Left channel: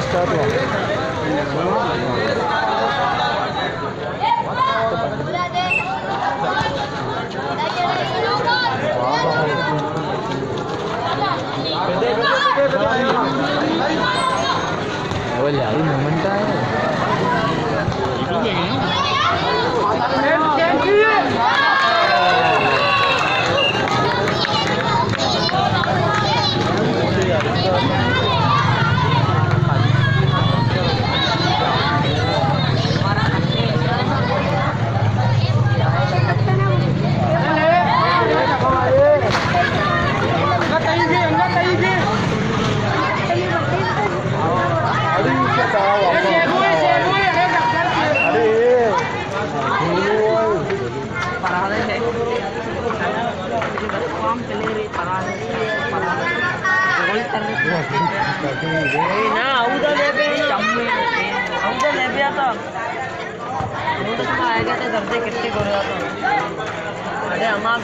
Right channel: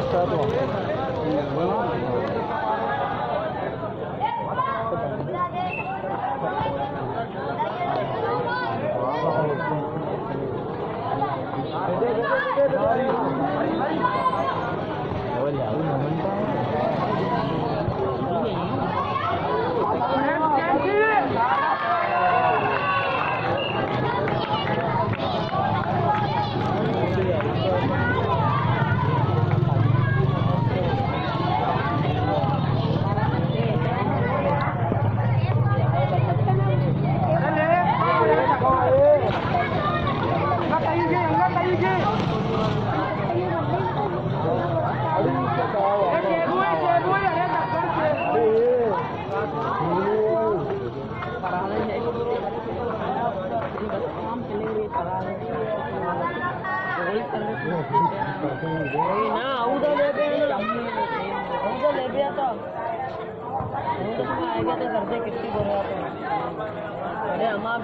start wa. Awal ya, ini moment है. अरे हमार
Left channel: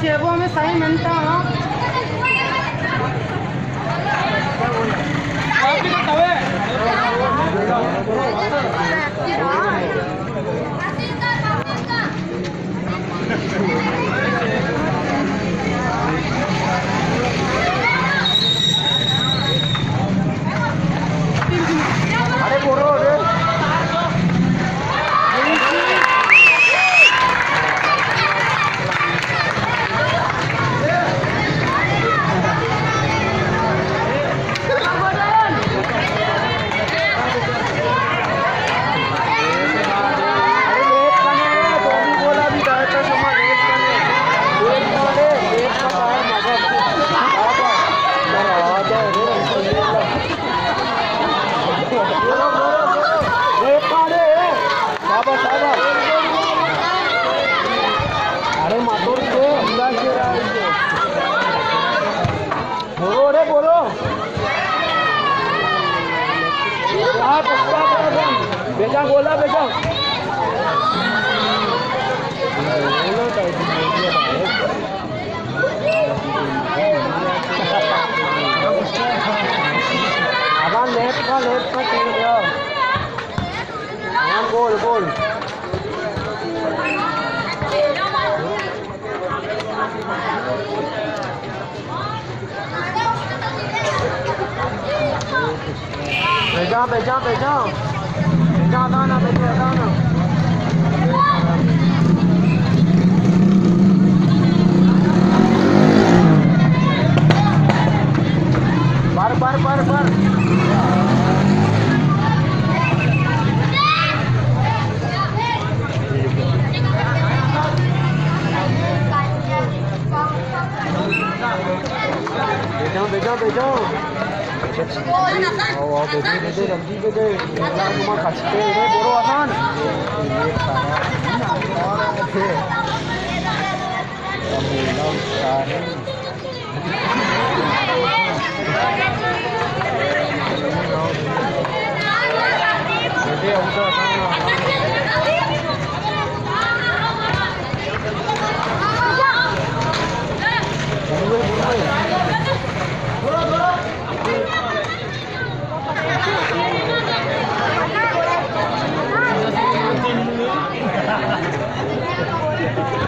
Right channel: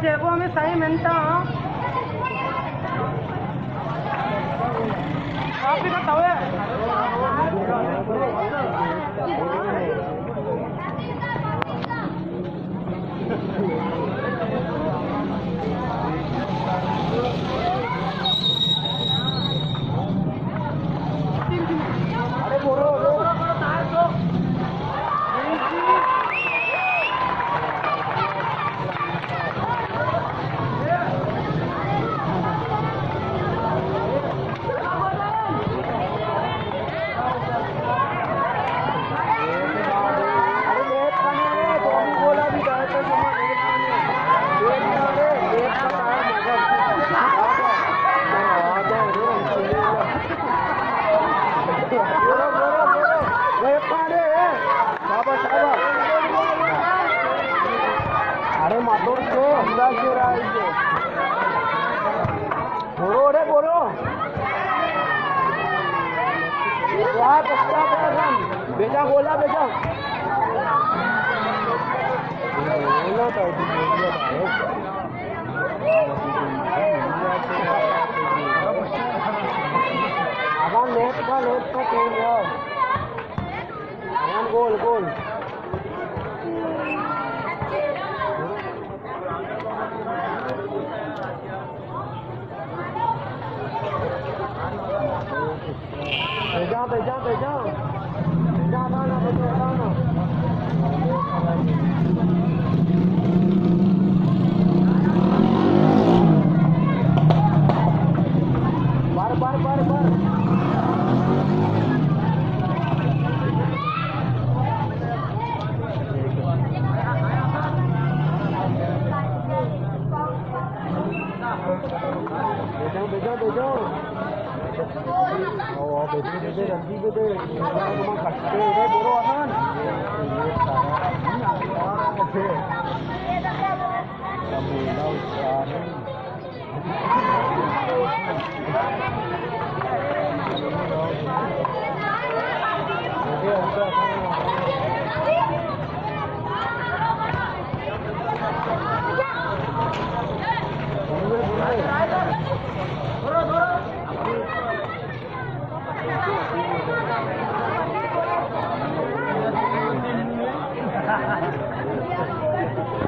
शेबो में सही मिलता अरे बोलो अरे मातोड़ के अंदाज से रहा है बोलो रे बोलो बेटा बोला बेटा आवान लेफ्ट का खेल जाओ आवान गोल गोल बेजा बेजा बेजा बेजा दाना बेजा दाना बार बार बार बार बेजा बेजा बेजा Oh, beda nanti beda. Yang rumah kasih beda borosan. Ini sama. Ini orang itu. Kamu tahu sekarang.